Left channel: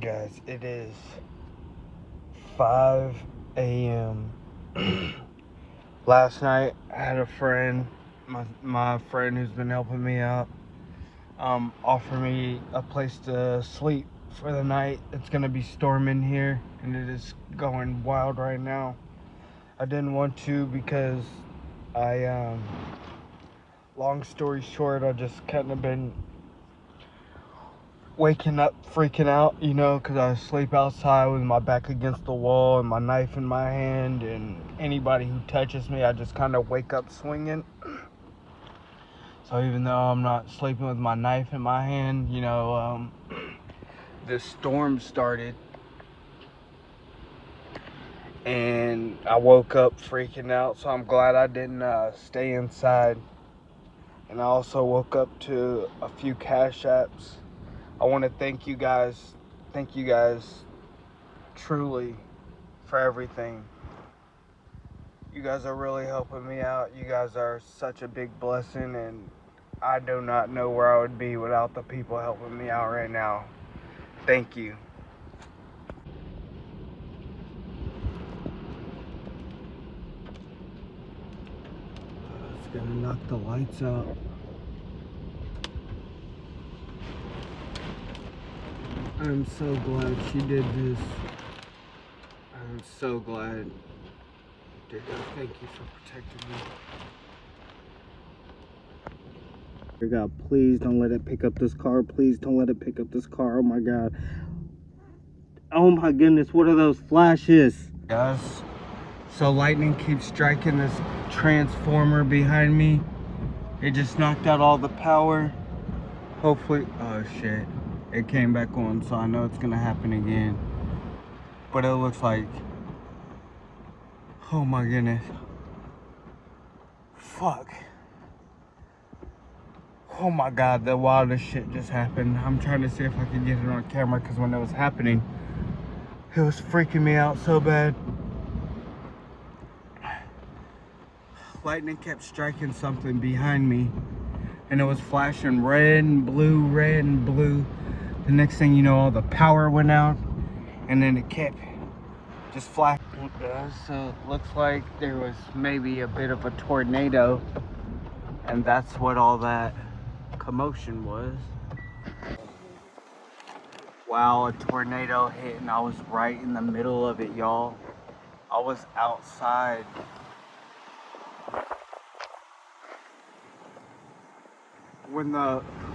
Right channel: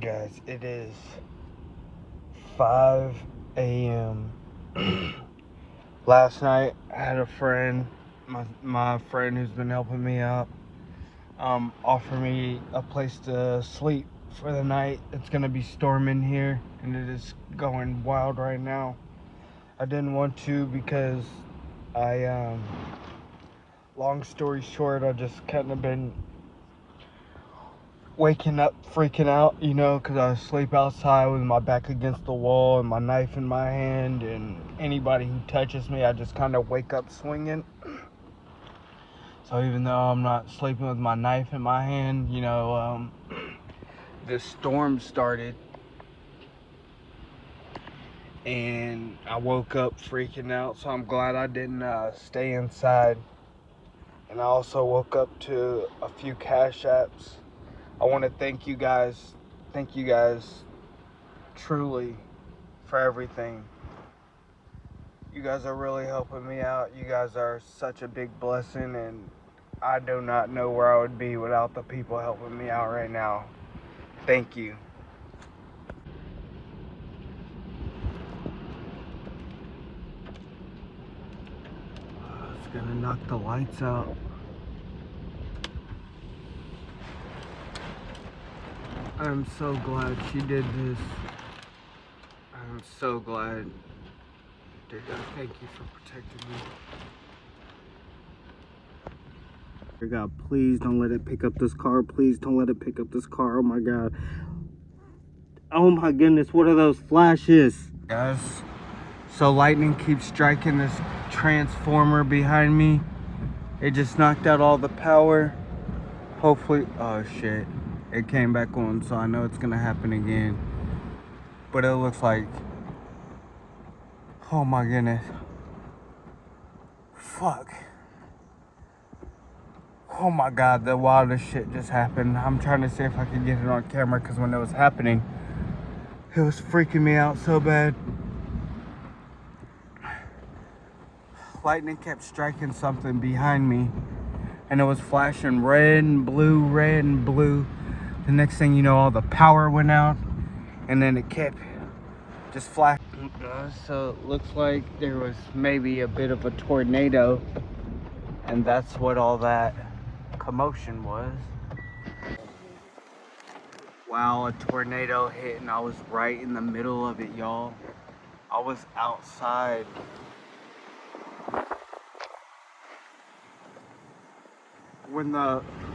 Guys, it is 5 a.m. Last night, I had a friend, my friend who's been helping me out, offer me a place to sleep for the night. It's going to be storming here, and it is going wild right now. I didn't want to because long story short, I just kind of been waking up freaking out, because I sleep outside with my back against the wall and my knife in my hand, and anybody who touches me, I just kind of wake up swinging. So even though I'm not sleeping with my knife in my hand, this storm started, and I woke up freaking out, so I'm glad I didn't stay inside. And I also woke up to a few cash apps. I want to thank you guys truly for everything. You guys are really helping me out. You guys are such a big blessing, and I do not know where I would be without the people helping me out right now. Thank you. It's gonna knock the lights out. I'm so glad she did this. I'm so glad she did that. Thank you for protecting me. God, please don't let it pick up this car. Please don't let it pick up this car. Oh my God. Oh my goodness, what are those flashes? Guys, so lightning keeps striking this transformer behind me. It just knocked out all the power. Hopefully, oh shit. It came back on, so I know it's gonna happen again. But it looks like, oh my goodness. Fuck. Oh my God, the wildest shit just happened. I'm trying to see if I can get it on camera, because when it was happening, it was freaking me out so bad. Lightning kept striking something behind me, and it was flashing red and blue, red and blue. The next thing you know, all the power went out, and then it kept just flashing. So it looks like there was maybe a bit of a tornado, and that's what all that commotion was. Wow, a tornado hit, and I was right in the middle of it, y'all. I was outside.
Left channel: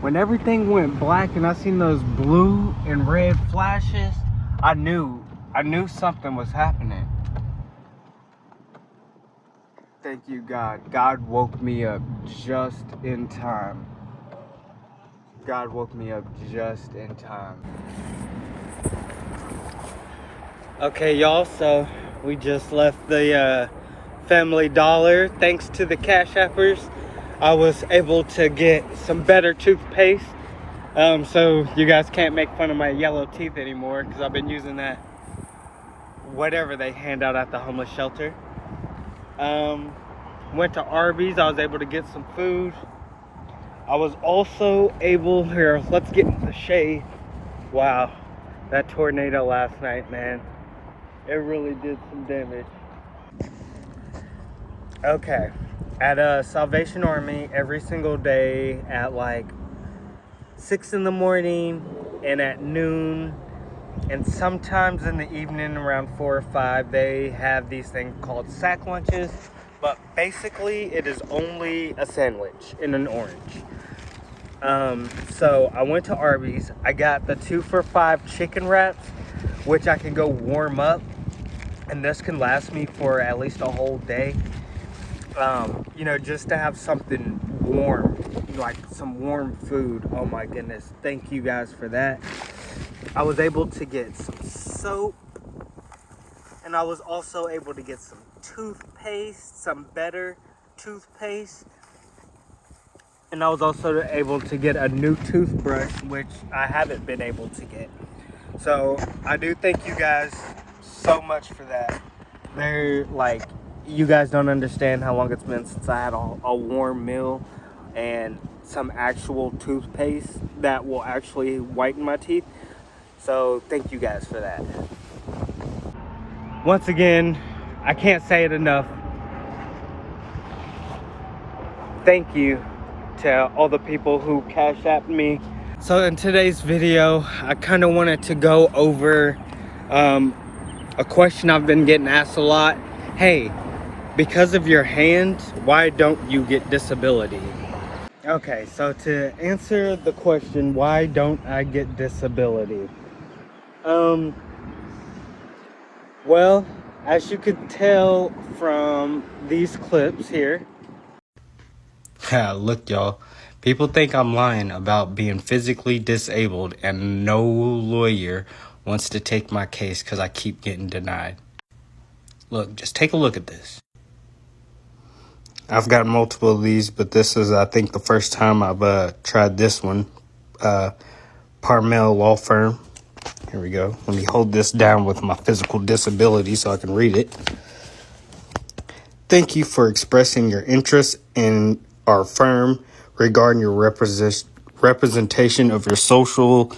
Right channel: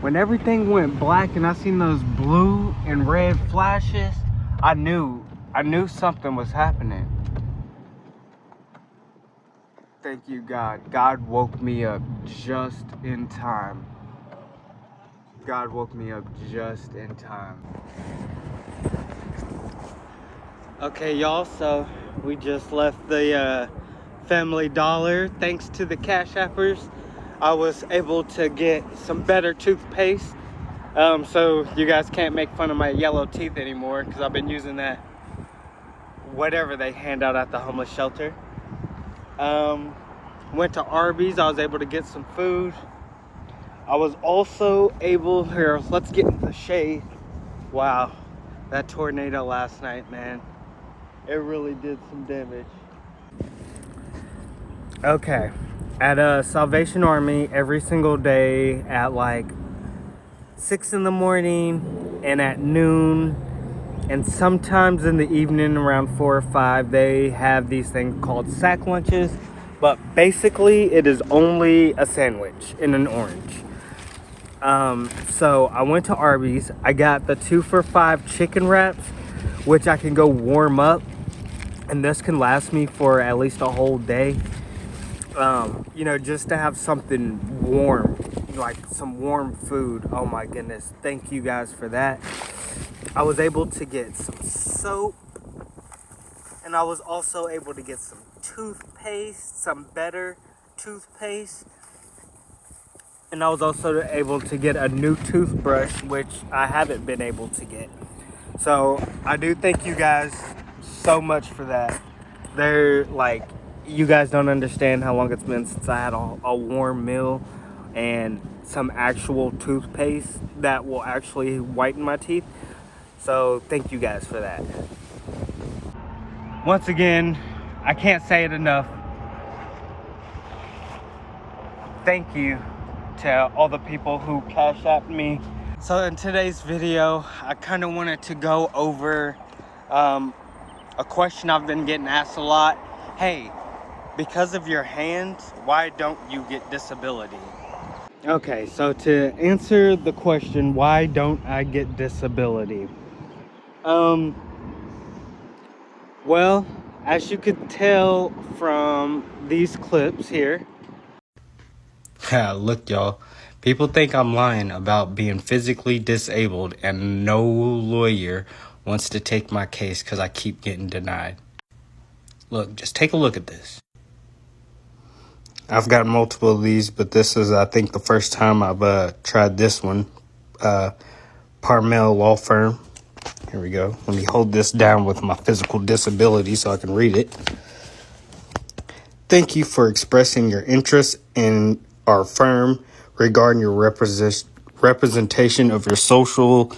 When everything went black and I seen those blue and red flashes, I knew something was happening. Thank you, God. God woke me up just in time. God woke me up just in time. Okay, y'all, so we just left the Family Dollar. Thanks to the Cash Appers, I was able to get some better toothpaste. So you guys can't make fun of my yellow teeth anymore, because I've been using that whatever they hand out at the homeless shelter. Went to Arby's. I was able to get some food. I was also able, here, let's get into the shade. Wow, that tornado last night, man, it really did some damage. Okay, at Salvation Army, every single day at like 6 in the morning and at noon, and sometimes in the evening around 4 or 5, they have these things called sack lunches. But basically, it is only a sandwich and an orange. So I went to Arby's. I got the 2 for $5 chicken wraps, which I can go warm up, and this can last me for at least a whole day. Just to have something warm, like some warm food. Oh my goodness, thank you guys for that. I was able to get some soap, and I was also able to get some toothpaste, some better toothpaste, and I was also able to get a new toothbrush, which I haven't been able to get. So I do thank you guys so much for that. They're like, you guys don't understand how long it's been since I had a warm meal and some actual toothpaste that will actually whiten my teeth. So thank you guys for that. Once again, I can't say it enough. Thank you to all the people who cash apped me. So in today's video, I kind of wanted to go over a question I've been getting asked a lot. Hey, because of your hand, why don't you get disability? Okay, so to answer the question, why don't I get disability? Well, as you could tell from these clips here. Look, y'all. People think I'm lying about being physically disabled, and no lawyer wants to take my case because I keep getting denied. Look, just take a look at this. I've got multiple of these, but this is, I think, the first time I've tried this one. Parmel Law Firm. Here we go. Let me hold this down with my physical disability so I can read it. Thank you for expressing your interest in our firm regarding your representation of your social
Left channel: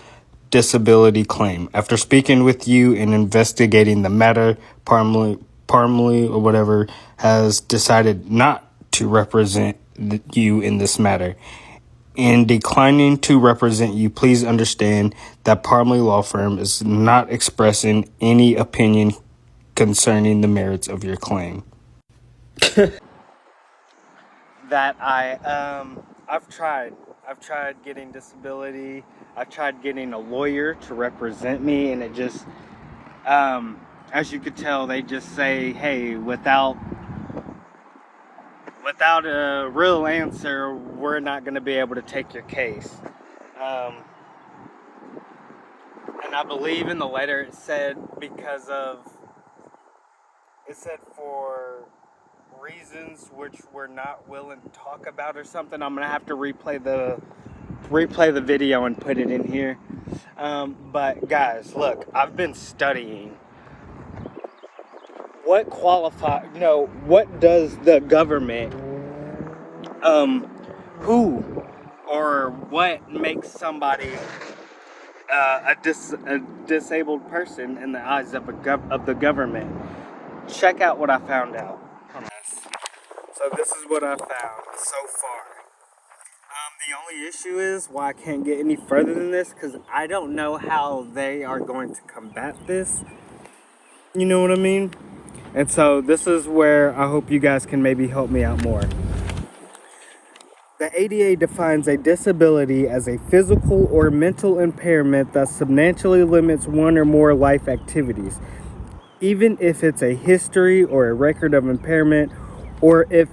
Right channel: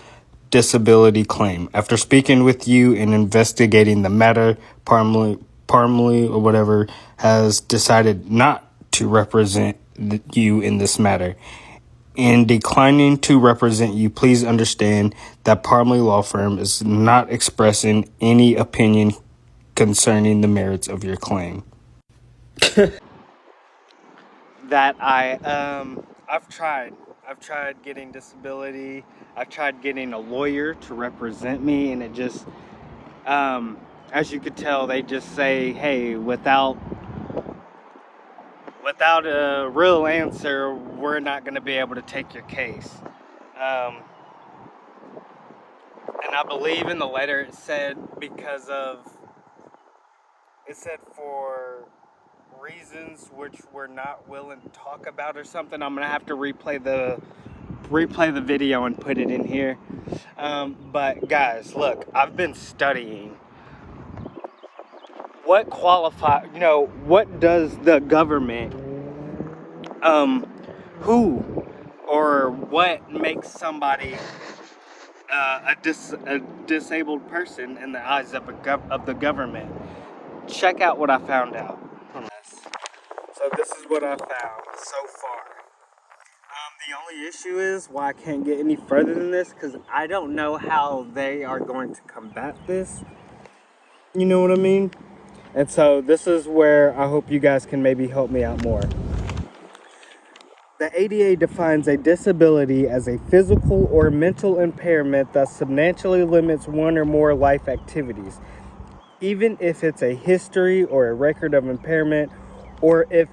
disability claim. After speaking with you and investigating the matter, Parmley or whatever has decided not to represent you in this matter. In declining to represent you, please understand that Parmley Law Firm is not expressing any opinion concerning the merits of your claim. That I've tried getting disability. I've tried getting a lawyer to represent me, and it just, as you could tell, they just say, hey, without a real answer, we're not going to be able to take your case. And I believe in the letter it said for reasons which we're not willing to talk about or something. I'm gonna have to replay the video and put it in here. But guys, look, I've been studying what does the government who or what makes somebody a disabled person in the eyes of the government. Check out what I found out. So this is what I found so far. The only issue is why I can't get any further than this, because I don't know how they are going to combat this. You know what I mean? And so this is where I hope you guys can maybe help me out more. The ADA defines a disability as a physical or mental impairment that substantially limits one or more life activities, even if it's a history or a record of impairment, or if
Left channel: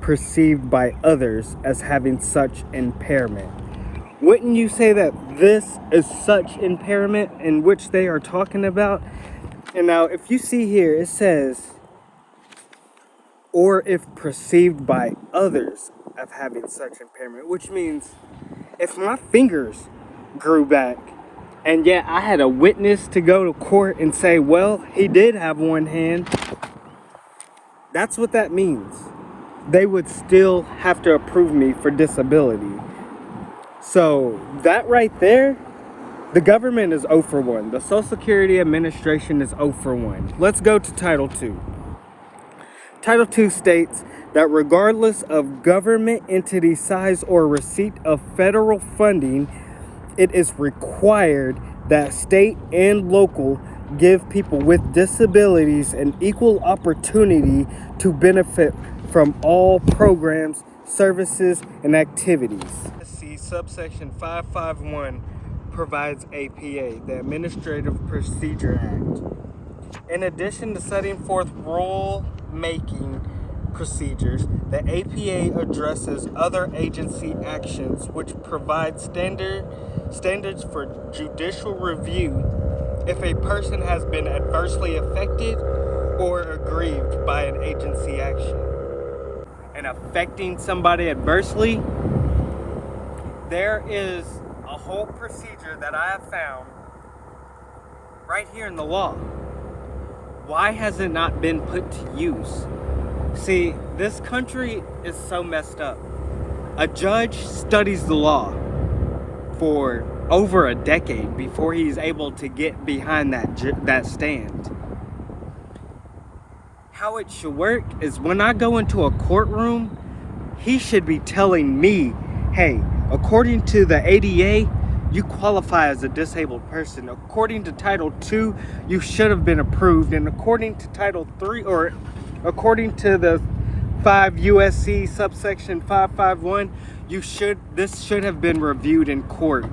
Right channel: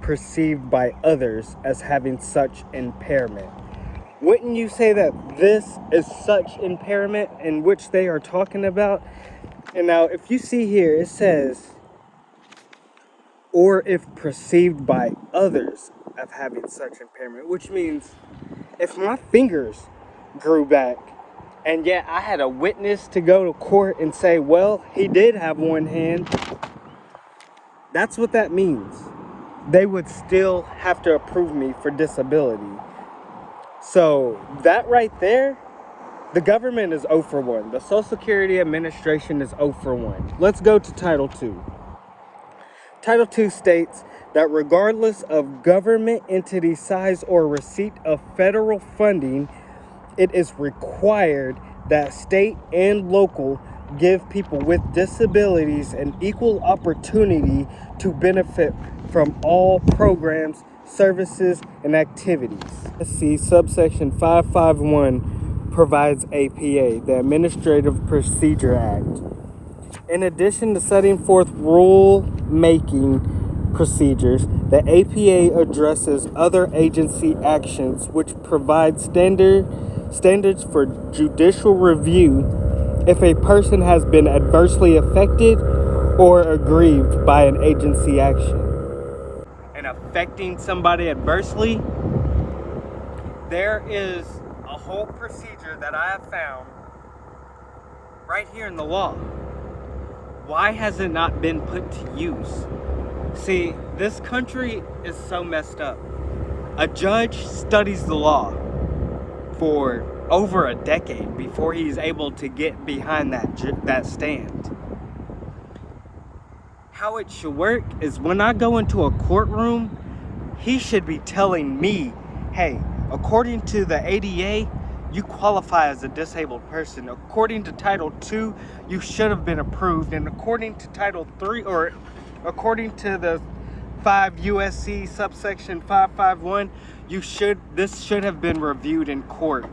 perceived by others as having such impairment. Wouldn't you say that this is such impairment in which they are talking about? And now if you see here, it says, or if perceived by others of having such impairment, which means if my fingers grew back and yet I had a witness to go to court and say, well, he did have one hand, that's what that means. They would still have to approve me for disability. So that right there, the government is 0 for 1. The Social Security Administration is 0 for 1. Let's go to Title II. Title II states that regardless of government entity size or receipt of federal funding, it is required that state and local give people with disabilities an equal opportunity to benefit from all programs, services, and activities. See, subsection 551 provides APA, the Administrative Procedure Act. In addition to setting forth rule-making procedures, the APA addresses other agency actions which provide standards for judicial review if a person has been adversely affected or aggrieved by an agency action. And affecting somebody adversely, there is a whole procedure that I have found right here in the law. Why has it not been put to use? See, this country is so messed up. A judge studies the law for over a decade before he's able to get behind that stand. How it should work is when I go into a courtroom, he should be telling me, hey, according to the ADA, you qualify as a disabled person. According to Title II, you should have been approved. And according to Title III, or according to the 5 USC subsection 551, this should have been reviewed in court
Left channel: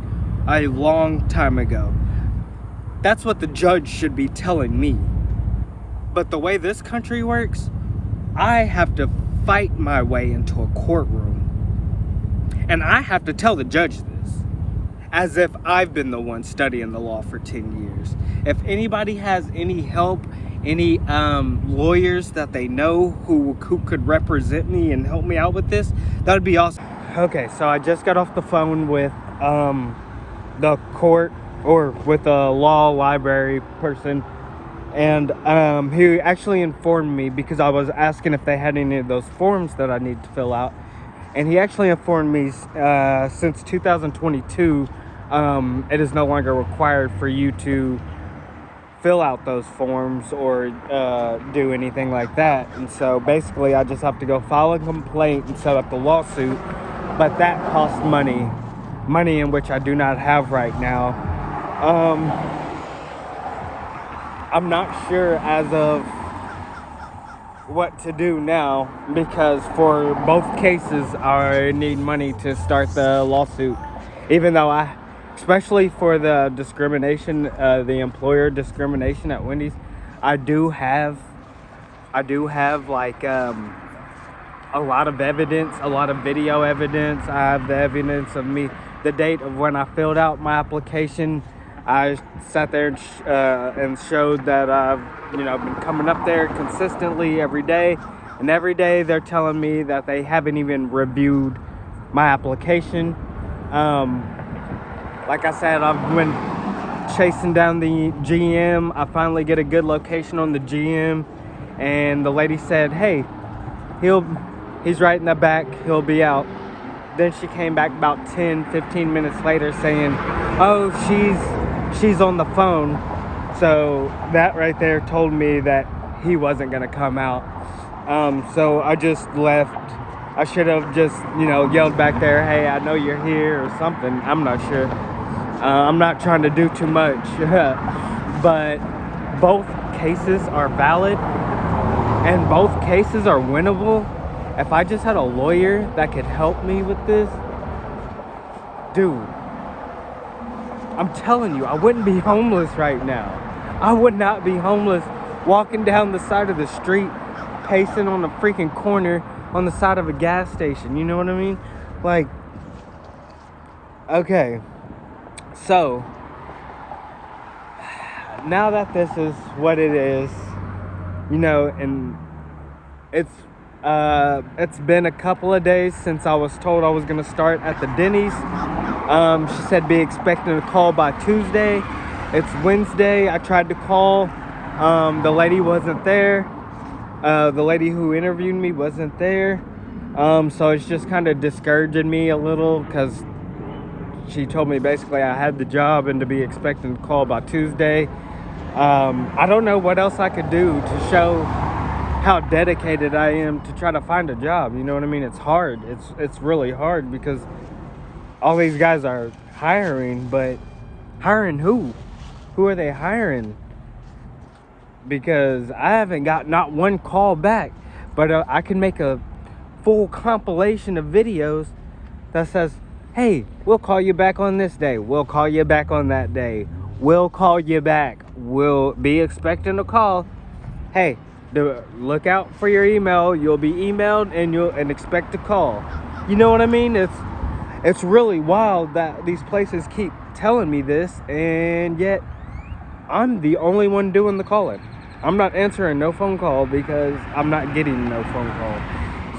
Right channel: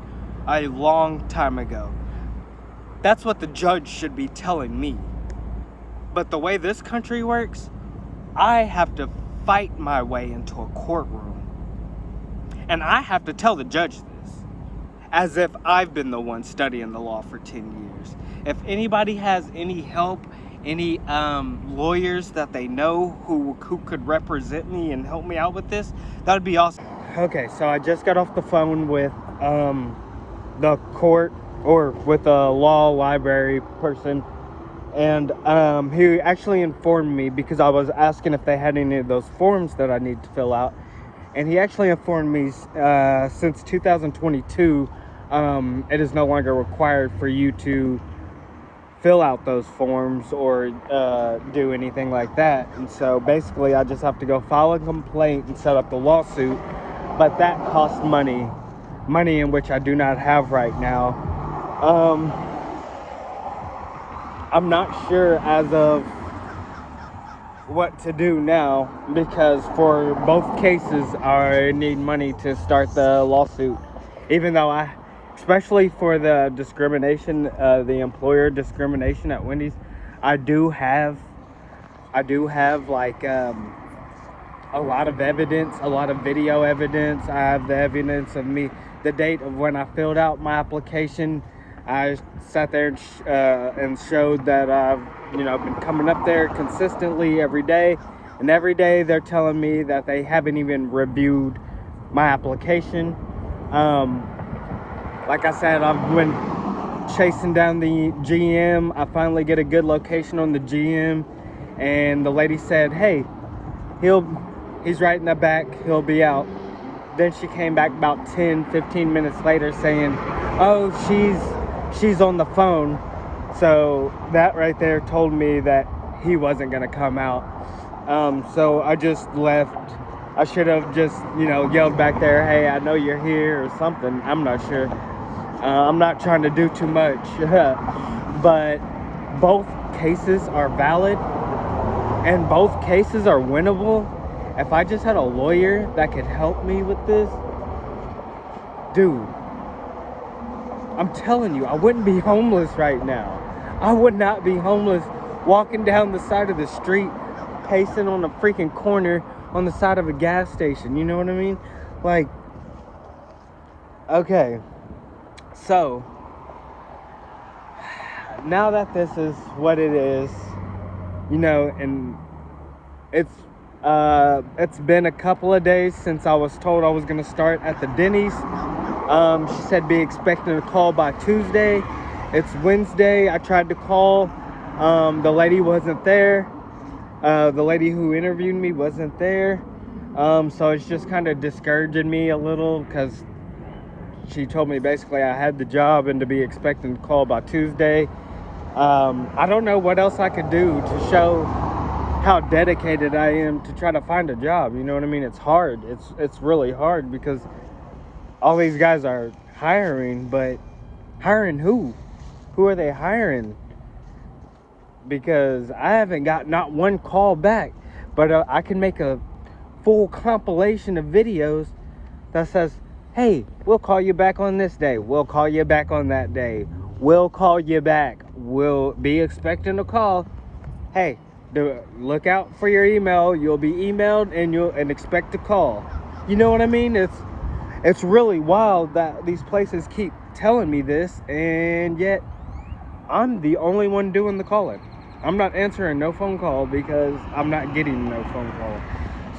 a long time ago. That's what the judge should be telling me. But the way this country works, I have to fight my way into a courtroom. And I have to tell the judge this, as if I've been the one studying the law for 10 years. If anybody has any help, any lawyers that they know who could represent me and help me out with this, that would be awesome. Okay, so I just got off the phone with the court, or with a law library person, and he actually informed me, because I was asking if they had any of those forms that I need to fill out, and he actually informed me since 2022 it is no longer required for you to fill out those forms or do anything like that. And so basically I just have to go file a complaint and set up the lawsuit, but that costs money in which I do not have right now. I'm not sure as of what to do now, because for both cases I need money to start the lawsuit, even though especially for the discrimination, the employer discrimination at Wendy's, I do have like a lot of evidence, a lot of video evidence. I have the evidence of me, the date of when I filled out my application. I sat there and showed that I've been coming up there consistently every day, and every day they're telling me that they haven't even reviewed my application. Like I said, I've been chasing down the GM. I finally get a good location on the GM, and the lady said, hey, he's right in the back, he'll be out. Then she came back about 10-15 minutes later saying, oh, she's on the phone. So that right there told me that he wasn't gonna come out. So I just left. I should have just yelled back there, hey, I know you're here, or something. I'm not sure. I'm not trying to do too much. But both cases are valid and both cases are winnable. If I just had a lawyer that could help me with this, dude, I'm telling you, I wouldn't be homeless right now. I would not be homeless walking down the side of the street, pacing on a freaking corner on the side of a gas station. You know what I mean? Like, okay. So, now that this is what it is, and it's been a couple of days since I was told I was gonna start at the Denny's. She said be expecting a call by Tuesday. It's Wednesday. I tried to call. The lady wasn't there. The lady who interviewed me wasn't there. So it's just kind of discouraging me a little, because she told me basically I had the job and to be expecting a call by Tuesday. I don't know what else I could do to show how dedicated I am to try to find a job. You know what I mean? It's hard. It's really hard, because all these guys are hiring, but hiring who? Who are they hiring? Because I haven't got not one call back, but I can make a full compilation of videos that says, hey, we'll call you back on this day. We'll call you back on that day. We'll call you back. We'll be expecting a call. Hey, look out for your email. You'll be emailed and expect a call. You know what I mean? It's really wild that these places keep telling me this, and yet I'm the only one doing the calling. I'm not answering no phone call because I'm not getting no phone call.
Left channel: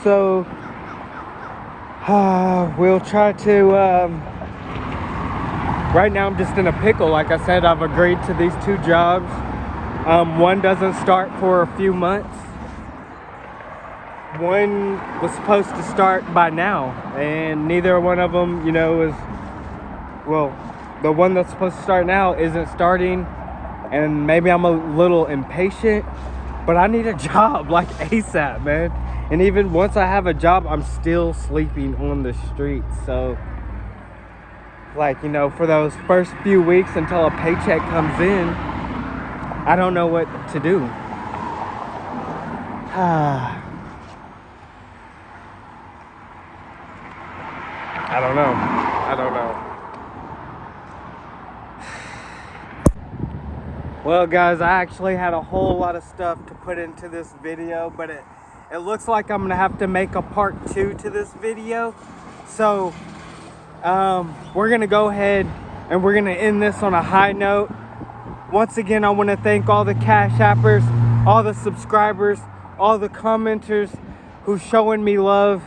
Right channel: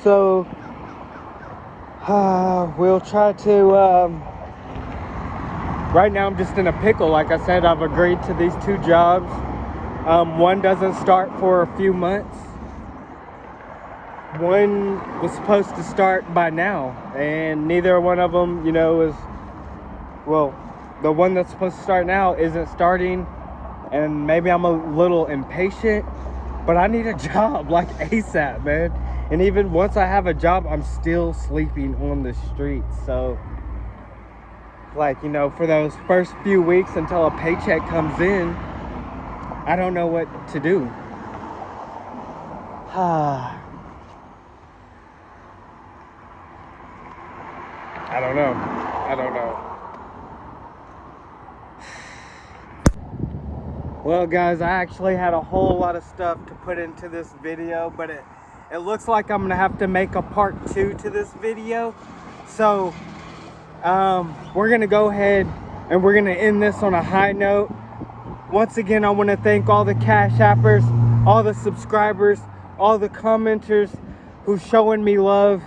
So we'll try to right now I'm just in a pickle. Like I said, I've agreed to these two jobs. One doesn't start for a few months. One was supposed to start by now, and neither one of them, is, well, the one that's supposed to start now isn't starting, and maybe I'm a little impatient, but I need a job like ASAP, man. And even once I have a job, I'm still sleeping on the streets. So, like, you know, for those first few weeks until a paycheck comes in, I don't know what to do. I don't know. I don't know. Well, guys, I actually had a whole lot of stuff to put into this video, but it looks like I'm gonna have to make a part 2 to this video. So we're gonna go ahead and we're gonna end this on a high note. Once again, I want to thank all the Cash Appers, all the subscribers, all the commenters who's showing me love.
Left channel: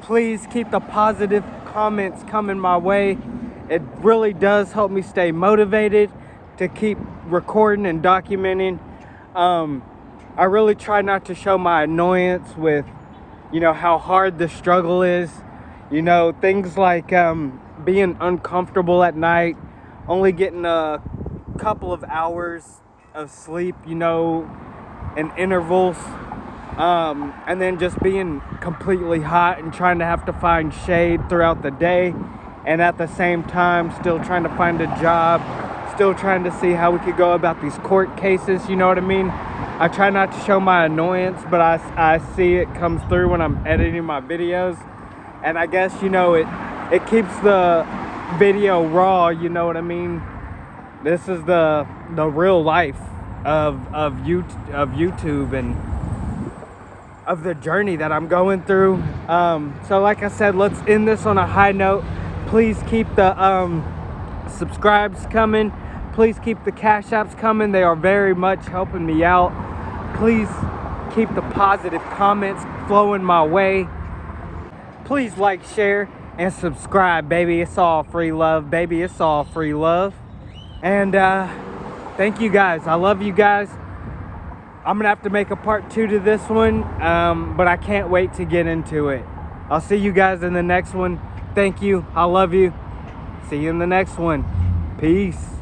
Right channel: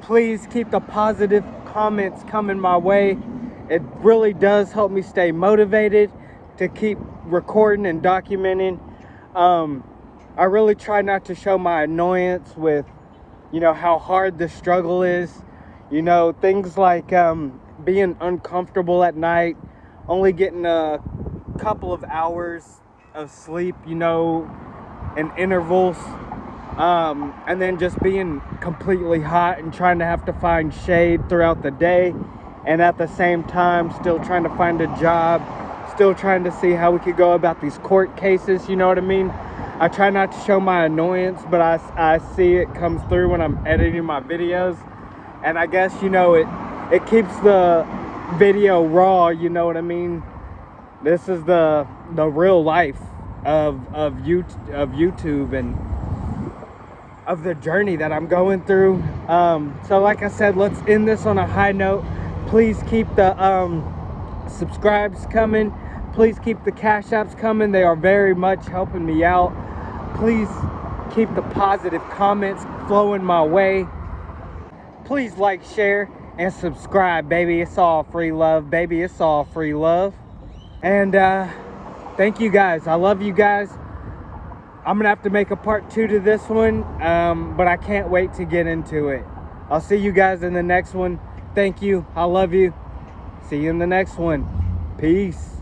Please keep the positive comments coming my way. It really does help me stay motivated to keep recording and documenting. I really try not to show my annoyance with, you know, how hard the struggle is. You know, things like being uncomfortable at night, only getting a couple of hours of sleep, you know, in intervals, and then just being completely hot and trying to have to find shade throughout the day, and at the same time still trying to find a job, still trying to see how we could go about these court cases, you know what I mean? I try not to show my annoyance, but I see it comes through when I'm editing my videos. And I guess, you know, it keeps the video raw, you know what I mean? This is the real life of YouTube and of the journey that I'm going through. So like I said, let's end this on a high note. Please keep the subscribes coming. Please keep the Cash Apps coming. They are very much helping me out. Please keep the positive comments flowing my way. Please like, share, and subscribe, baby. It's all free love, baby. It's all free love. And thank you guys. I love you guys. I'm gonna have to make a part 2 to this one, but I can't wait to get into it. I'll see you guys in the next one. Thank you. I love you. See you in the next one. Peace.